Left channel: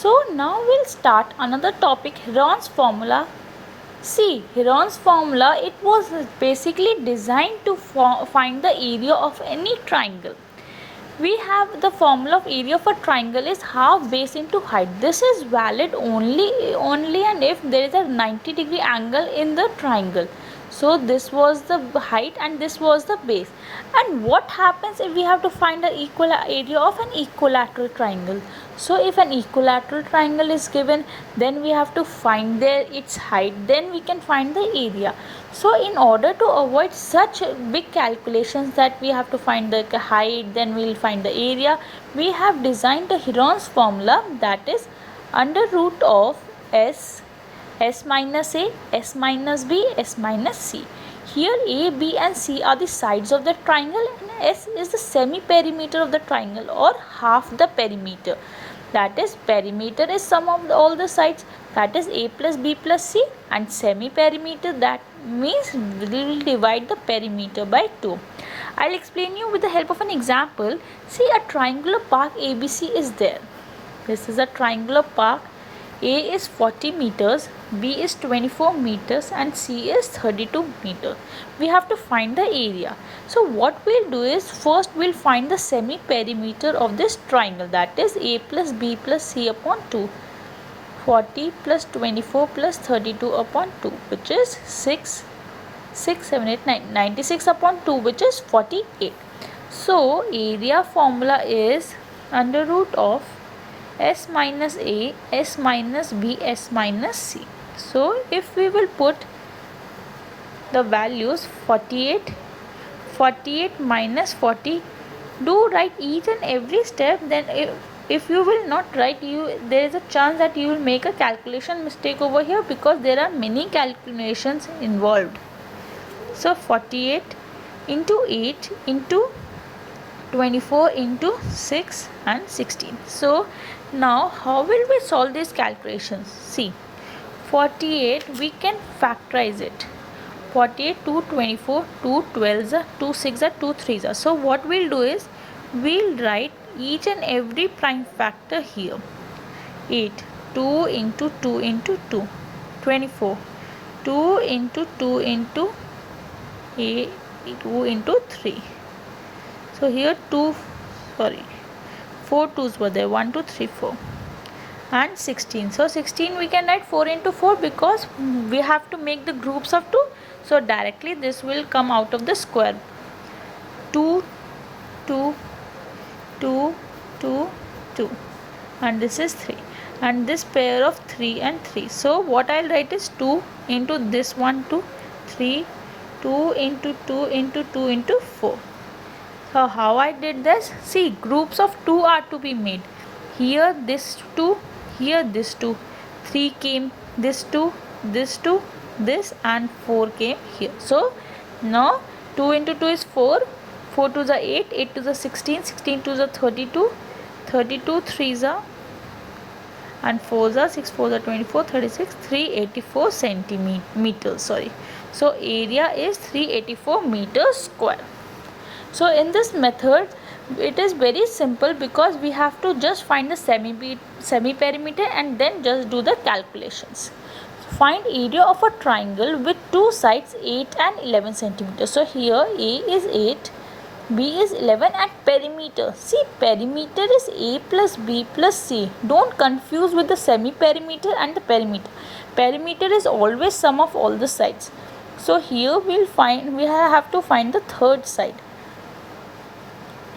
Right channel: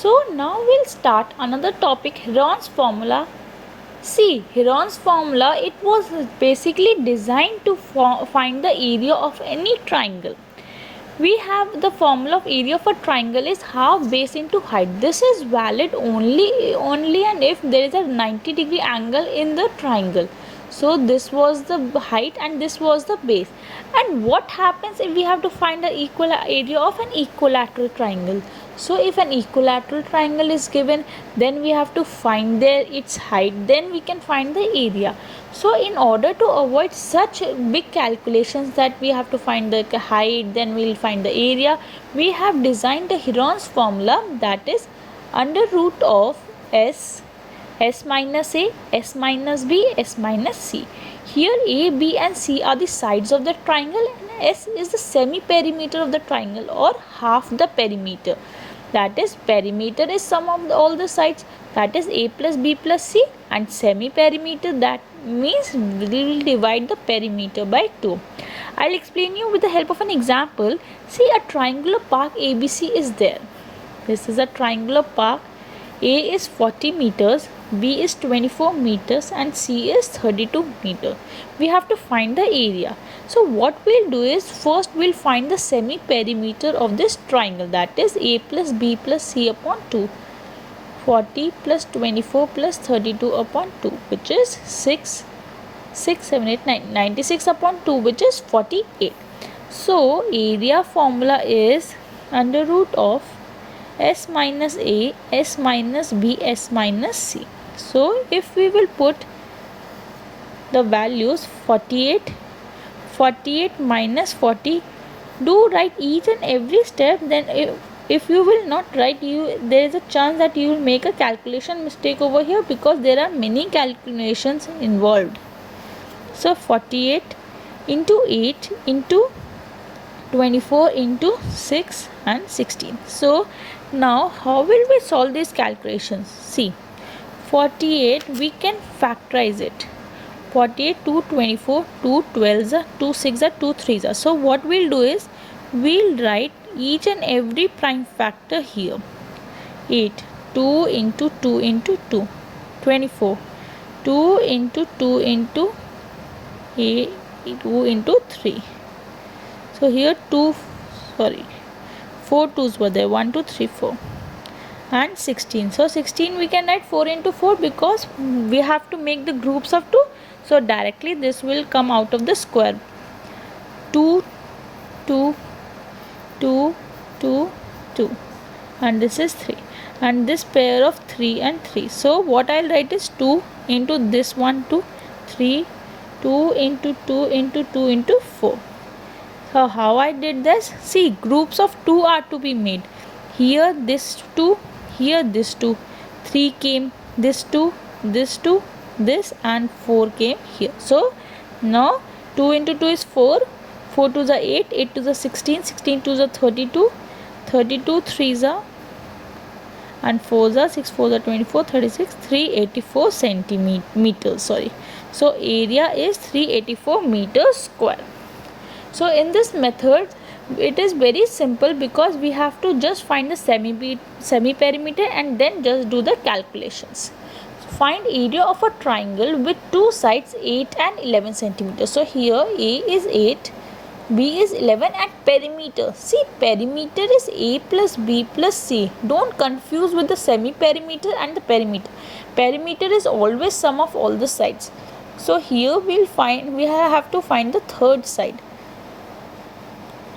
So now we'll start another topic, Heron's formula. See, Heron's formula, it was basically designed to find the area of any triangle. We have the formula of area of a triangle is half base into height. This is valid only and if there is a 90-degree angle in the triangle. So this was the height and this was the base. And what happens if we have to find the equal area of an equilateral triangle? So if an equilateral triangle is given, then we have to find its height, then we can find the area. So in order to avoid such big calculations that we have to find the height, then we will find the area, we have designed the Heron's formula, that is under root of s minus a, s minus b, s minus c. Here a, b and c are the sides of the triangle and s is the semi-perimeter of the triangle or half the perimeter. That is, perimeter is sum of all the sides, that is a plus b plus c, and semi-perimeter, that means we will divide the perimeter by 2. I'll explain you with the help of an example. See, a triangular park ABC is there. This is a triangular park. A is 40 meters, B is 24 meters and C is 32 meters. We have to find the area. So what we'll do is, first we'll find the semi-perimeter of this triangle, that is A plus B plus C upon 2. 40 plus 24 plus 32 upon 2, which is 6, 7, 8, 9, 96 upon 2, which is 48. So area formula is under root of s minus a, s minus b, s minus c. So if we will put the values 48 minus 40, do write each and every step. Then if you will not write, there is a chance that you will make a calculation mistake over here, because there are many calculations involved. So 48 into 8 into 24 into 6 and 16. So now how will we solve these calculations? See, 48 we can factorize it. 48, 2, 24, 2, 12, 2, 6, 2, 3. So what we'll do is, we'll write each and every prime factor here. 8, 2 into 2 into 2, 24, 2 into 2 into 8, 2 into 3. So here 4 2's were there, 1, 2, 3, 4 and 16. So 16 we can write 4 into 4 because we have to make the groups of 2. So directly this will come out of the square. 2, 2, 2, 2, 2 and this is 3 and this pair of 3 and 3. So what I'll write is 2 into this 1, 2, 3, 2 into 2 into 2 into 4. So how I did this? See, groups of 2 are to be made. Here this 2, here this 2, 3 came, this 2, this 2, this and 4 came here. So now 2 into 2 is 4, 4 2's are 8, 8 2's are 16, 16 2's are 32, 32 3's are and 4's are 6 4's are 24, 36, 384 centimeters. So area is 384 meters square. So in this method it is very simple, because we have to just find the semi-perimeter and then just do the calculations. So find area of a triangle with two sides 8 and 11 centimeters. So here A is 8, B is 11 and perimeter. See, perimeter is A plus B plus C. Don't confuse with the semi-perimeter and the perimeter. Perimeter is always sum of all the sides. So here we have to find the third side.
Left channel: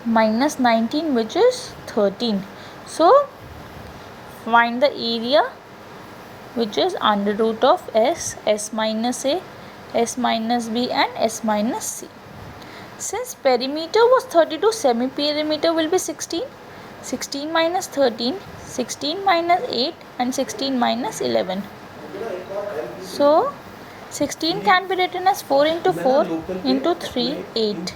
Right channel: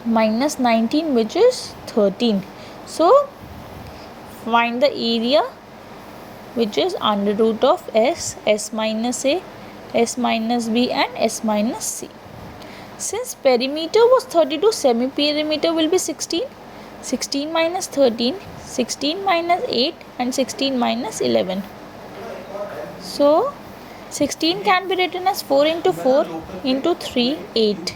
Minus 19, which is 13. So find the area, which is under root of s, s minus a, s minus b and s minus c. Since perimeter was 32, semi-perimeter will be 16. 16 minus 13, 16 minus 8 and 16 minus 11. So 16 can be written as 4 into 4 into 3, 8.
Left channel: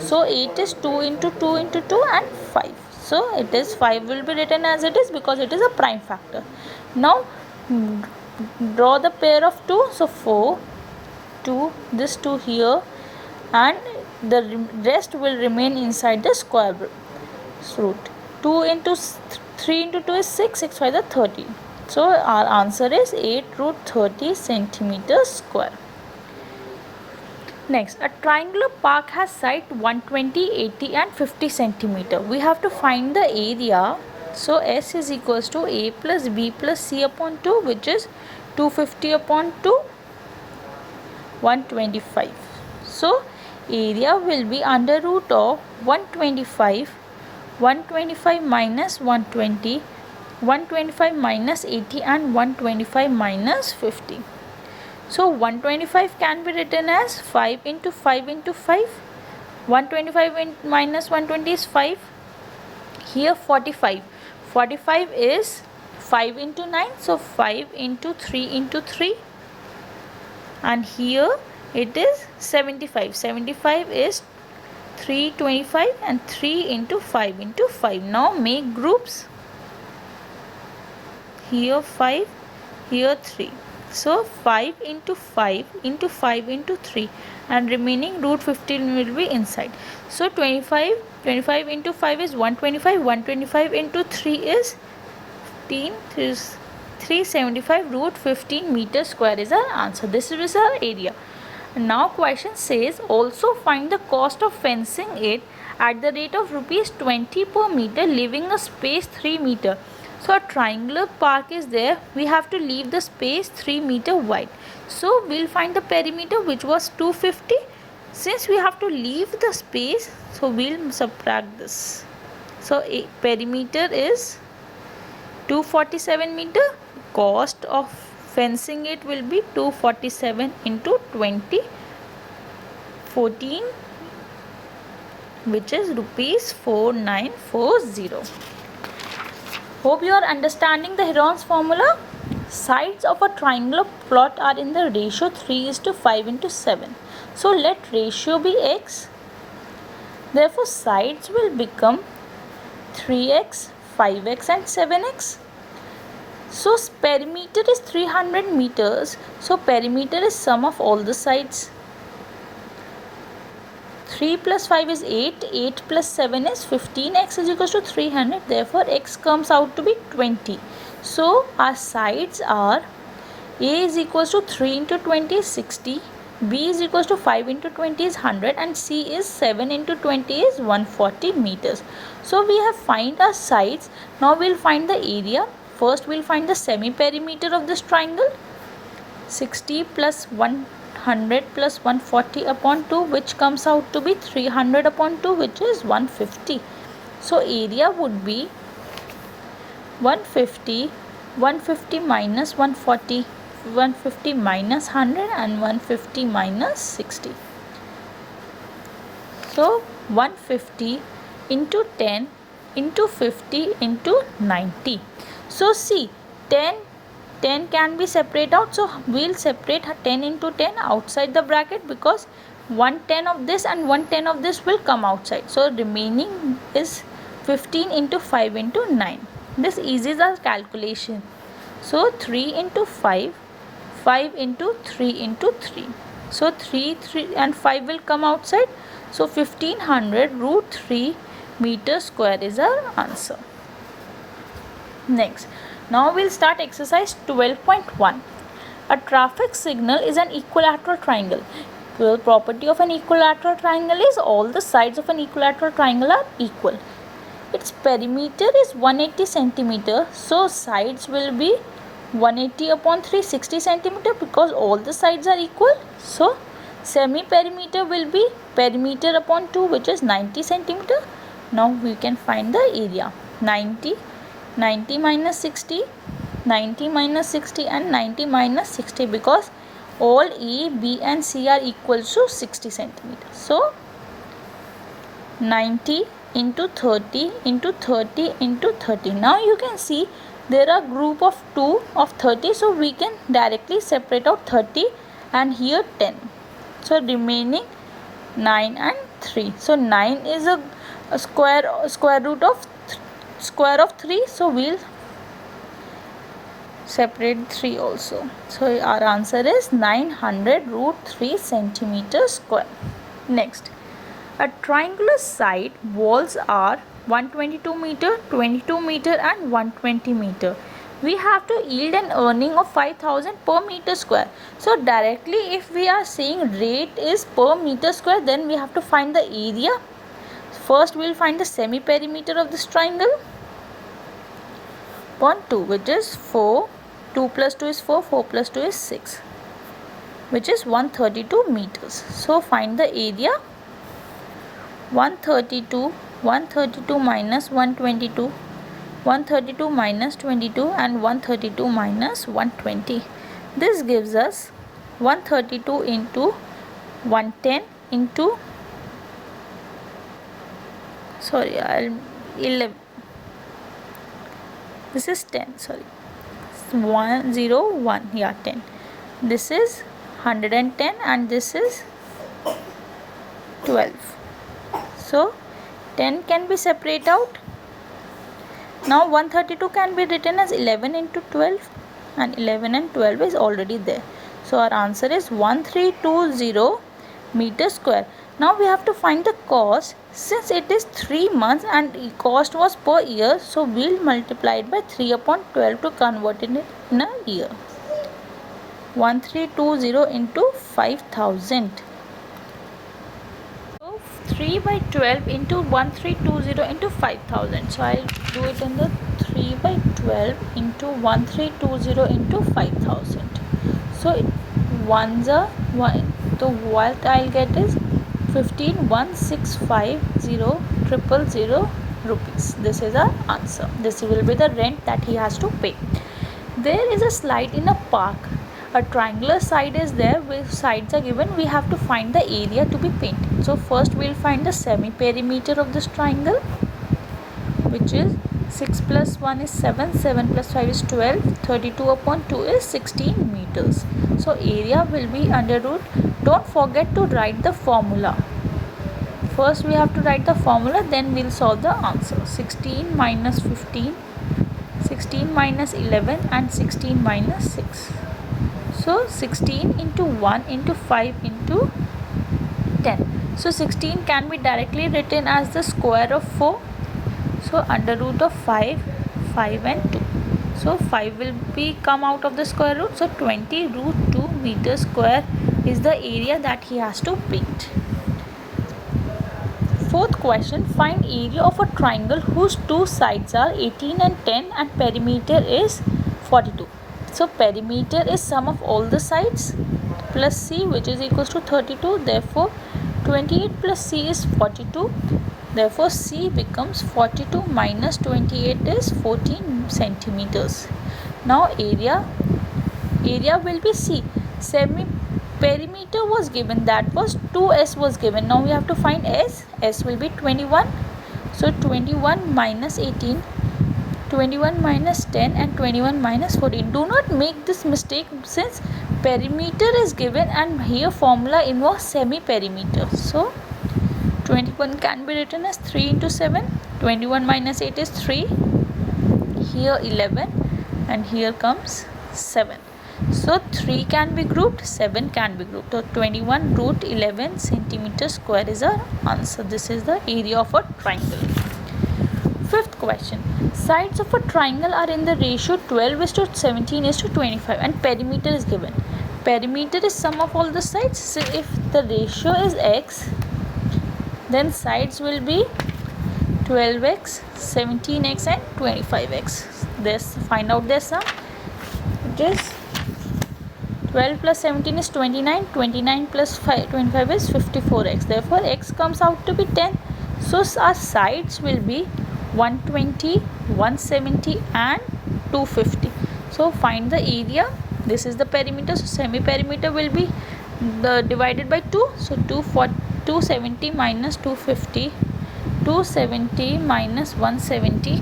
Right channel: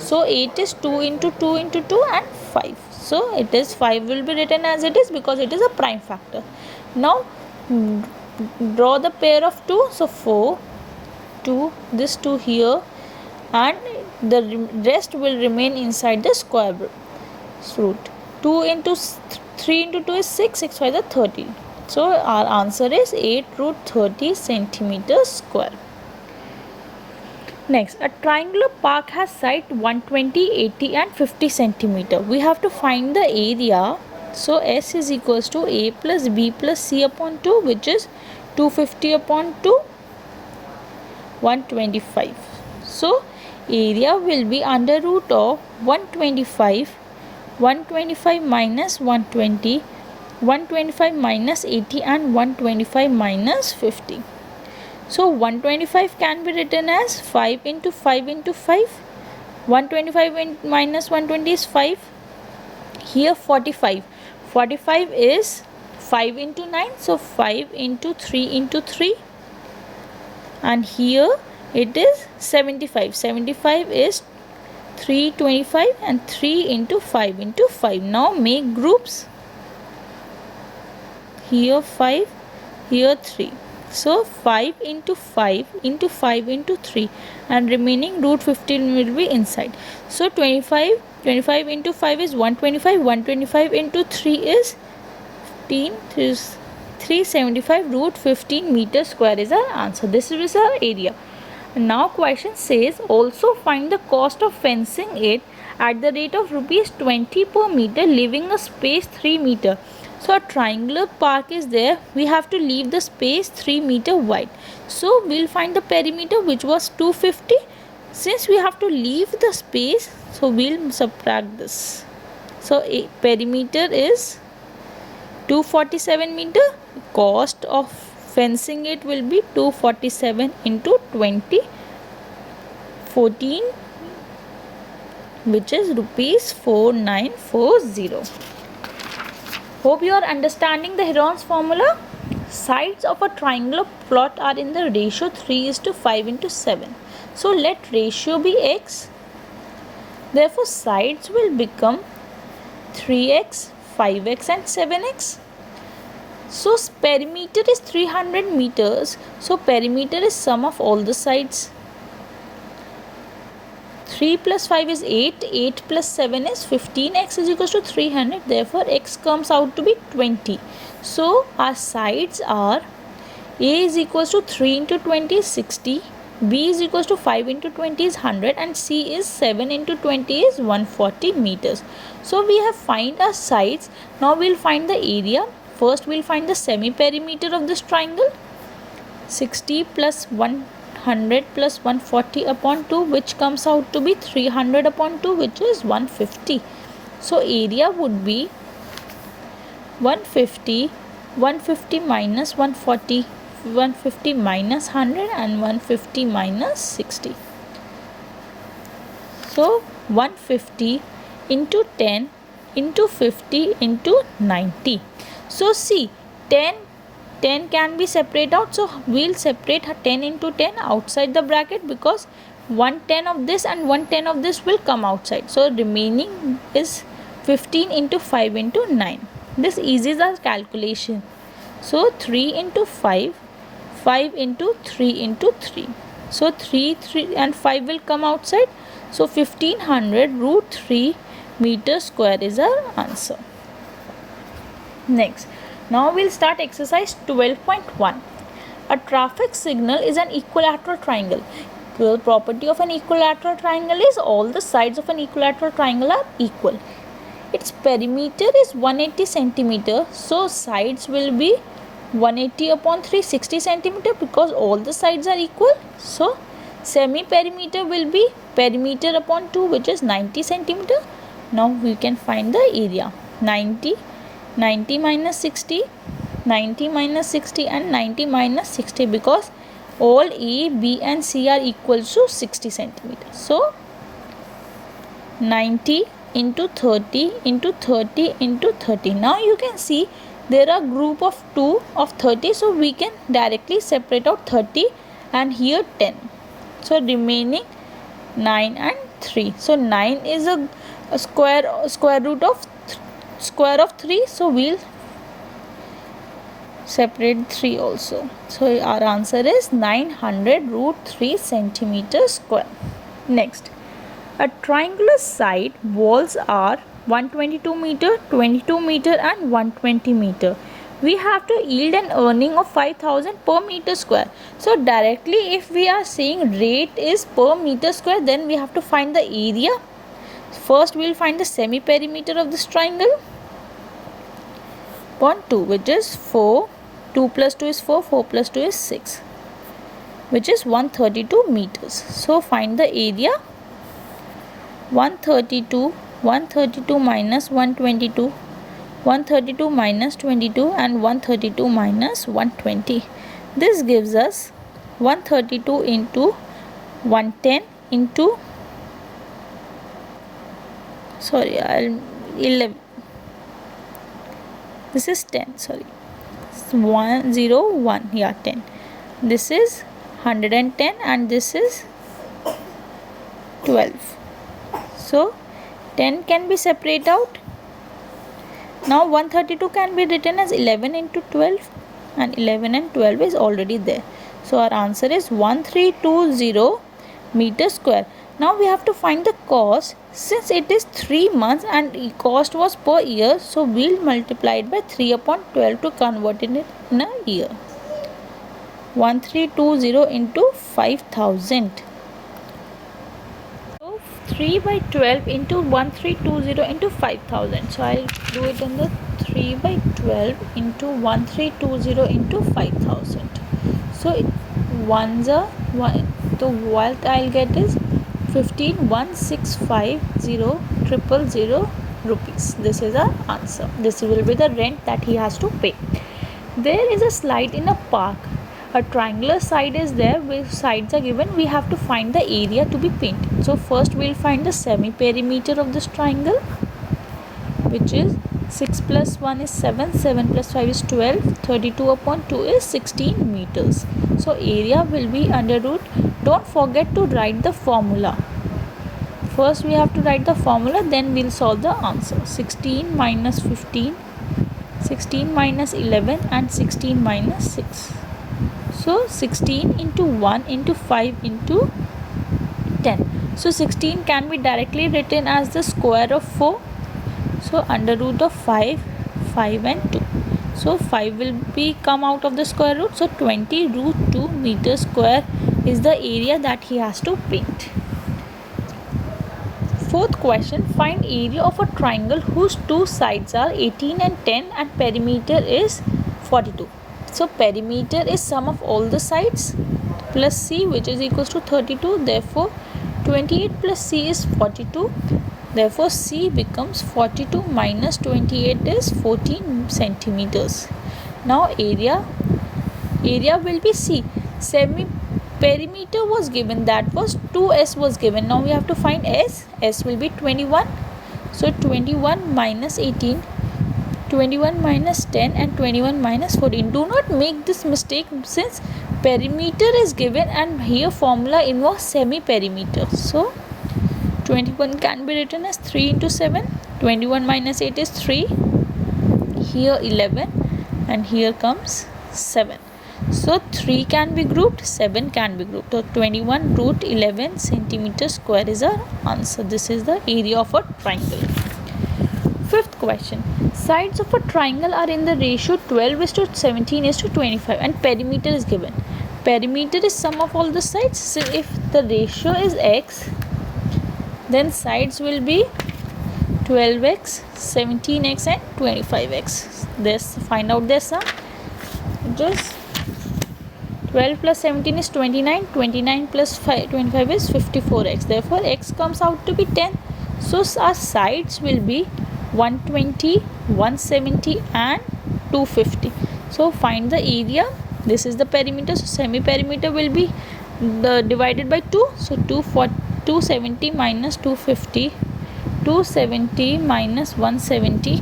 So 8 is 2 into 2 into 2 and 5. So it is 5 will be written as it is, because it is a prime factor. Now draw the pair of 2. So 4, 2, this 2 here, and the rest will remain inside the square root. 2 into 3 into 2 is 6, 6 5 is 30. So our answer is 8 root 30 centimeters square. Next, a triangular park has side 120, 80 and 50 centimeter. We have to find the area. So S is equals to A plus B plus C upon 2, which is 250 upon 2, 125. So area will be under root of 125, 125 minus 120, 125 minus 80 and 125 minus 50. So 125 can be written as 5 into 5 into 5. 125 minus 120 is 5. Here 45. 45 is 5 into 9. So 5 into 3 into 3. And here it is 75. 75 is 325 and 3 into 5 into 5. Now make groups. Here 5, here 3. So 5 into 5 into 5 into 3 and remaining root 15 will be inside. So 25 into 5 is 125, 125 into 3 is 15, 375 root 15 meter square is our answer. This is our area. Now question says also find the cost of fencing it at the rate of rupees 20 per meter, leaving a space 3 meter. So a triangular park is there. We have to leave the space 3 meter wide. So we'll find the perimeter, which was 250. Since we have to leave the space, so we'll subtract this. So a perimeter is 247 meter. Cost of fencing it will be 247 into 20, 14, which is rupees 4940. Hope you are understanding the Heron's formula. Sides of a triangular plot are in the ratio 3:5 into 7. So let ratio be x. Therefore sides will become 3x, 5x and 7x. So perimeter is 300 meters. So perimeter is sum of all the sides. 3 plus 5 is 8, 8 plus 7 is 15, x is equal to 300, therefore x comes out to be 20. So our sides are A is equal to 3 into 20 is 60, B is equal to 5 into 20 is 100 and C is 7 into 20 is 140 meters. So we have find our sides. Now we will find the area. First we will find the semi-perimeter of this triangle. 60 plus 100 plus 140 upon 2, which comes out to be 300 upon 2, which is 150. So area would be 150, 150 minus 140, 150 minus 100 and 150 minus 60. So 150 into 10 into 50 into 90. So see, 10 can be separated out. So we'll separate 10 into 10 outside the bracket, because 1/10 of this and 1/10 of this will come outside. So remaining is 15 into 5 into 9. This eases our calculation. So 3 into 5, 5 into 3 into 3. So 3 and 5 will come outside. So 1500 root 3 meter square is our answer. Next, now we'll start exercise 12.1. A traffic signal is an equilateral triangle. The property of an equilateral triangle is all the sides of an equilateral triangle are equal. Its perimeter is 180 centimeter. So sides will be 180 upon 360 centimeter, because all the sides are equal. So semi-perimeter will be perimeter upon 2, which is 90 centimeter. Now we can find the area. 90 minus 60, 90 minus 60 and 90 minus 60, because all A, B and C are equal to 60 centimeters. So 90 into 30 into 30 into 30. Now you can see there are group of 2 of 30. So we can directly separate out 30 and here 10. So remaining 9 and 3. So 9 is a square root of square of 3. So we'll separate 3 also. So our answer is 900 root 3 centimeter square. Next, a triangular side walls are 122 meter, 22 meter and 120 meter. We have to yield an earning of 5000 per meter square. So directly if we are saying rate is per meter square, then we have to find the area. First we will find the semi perimeter of this triangle upon 2, which is 4. 2 plus 2 is 4, 4 plus 2 is 6, which is 132 meters. So find the area. 132 minus 122, 132 minus 22 and 132 minus 120. This gives us 132 into 110 into 11. This is 10, 101, yeah, 10. This is 110 and this is 12. So 10 can be separated out. Now 132 can be written as 11 into 12 and 11 and 12 is already there. So our answer is 1320 meter square. Now we have to find the cost. Since it is 3 months and cost was per year, so we'll multiply it by 3 upon 12 to convert it in a year. 1320 into 5000. 3 by 12 into 1320 into 5000. So I'll do it in the 3 by 12 into 1320 into 5000. So ones are 1. So what I'll get is 15,165,000 rupees. This is our answer. This will be the rent that he has to pay. There is a slide in a park. A triangular side is there, where sides are given. We have to find the area to be painted. So first we will find the semi perimeter of this triangle, which is 6 plus 1 is 7, 7 plus 5 is 12, 32 upon 2 is 16 meters. So area will be under root. Don't forget to write the formula. First we have to write the formula, then we will solve the answer. 16 minus 15, 16 minus 11 and 16 minus 6. So 16 into 1 into 5 into 10. So 16 can be directly written as the square of 4. So under root of 5, 5 and 2. So 5 will be come out of the square root. So 20 root 2 meter square is the area that he has to paint. Fourth question, find area of a triangle whose two sides are 18 and 10 and perimeter is 42. So perimeter is sum of all the sides plus c, which is equals to 32. Therefore 28 plus c is 42. Therefore c becomes 42 minus 28 is 14 centimeters. Now area will be c. Semi perimeter was given, that was 2s was given. Now we have to find s. S will be 21. So 21 minus 18, 21 minus 10 and 21 minus 14. Do not make this mistake, since perimeter is given and here formula involves semi perimeter. So 21 can be written as 3 into 7. 21 minus 8 is 3. Here 11 and here comes 7. So 3 can be grouped, 7 can be grouped. So 21 root 11 centimeter square is our answer. This is the area of a triangle. Fifth question. Sides of a triangle are in the ratio 12 is to 17 is to 25 and perimeter is given. Perimeter is sum of all the sides. So if the ratio is x, then sides will be 12x, 17x and 25x. This find out their sum. It is 12 plus 17 is 29, 29 plus 25 is 54x. Therefore x comes out to be 10. So our sides will be 120, 170 and 250. So find the area. This is the perimeter. So semi perimeter will be divided by 2. So 270 minus 250, 270 minus 170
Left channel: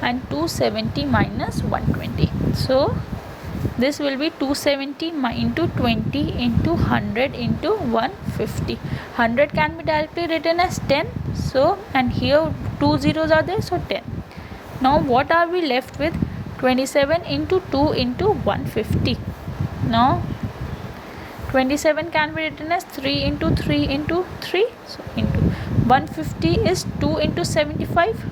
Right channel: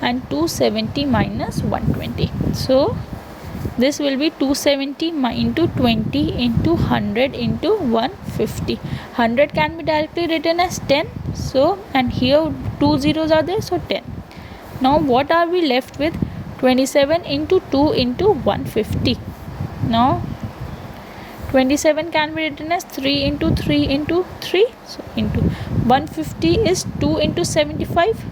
and 270 minus 120. So this will be 270 into 20 into 100 into 150. 100 can be directly written as 10. So and here 2 zeros are there, so 10. Now what are we left with? 27 into 2 into 150. Now 27 can be written as 3 into 3 into 3. So into 150 is 2 into 75.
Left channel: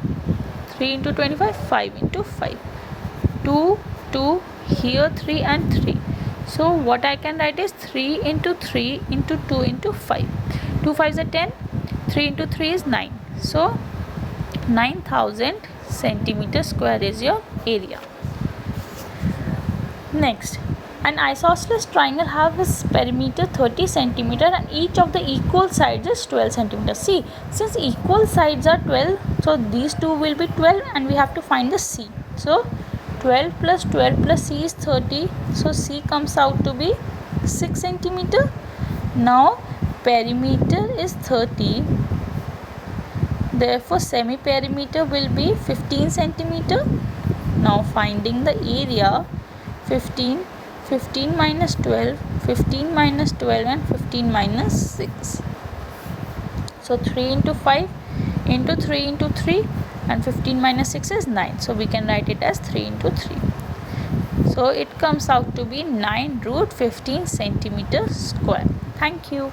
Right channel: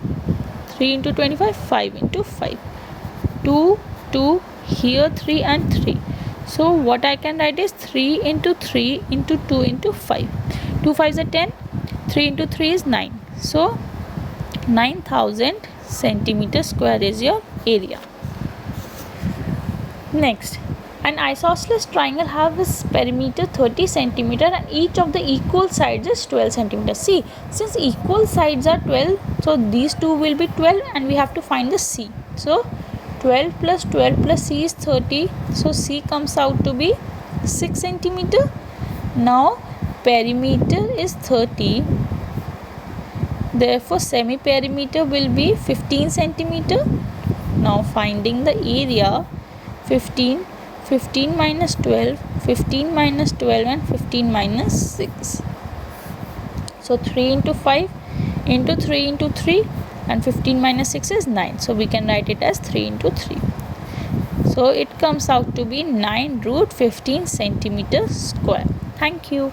3 into 25, 5 into 5. 2, 2, here 3 and 3. So what I can write is 3 into 3 into 2 into 5. 2 5s are 10. 3 into 3 is 9. So 9000 centimeter square is your area. Next, an isosceles triangle have its perimeter 30 centimeter and each of the equal sides is 12 centimeter. See, since equal sides are 12, so these two will be 12 and we have to find the C. So 12 plus 12 plus C is 30. So C comes out to be 6 centimeter. Now perimeter is 30. Therefore semi-perimeter will be 15 centimeter. Now finding the area, 15 minus 12, 15 minus 12 and 15 minus 6. So 3 into 5 into 3 into 3 and 15 minus 6 is 9. So we can write it as 3 into 3. So it comes out to be 9 root 15 centimeter square. Thank you.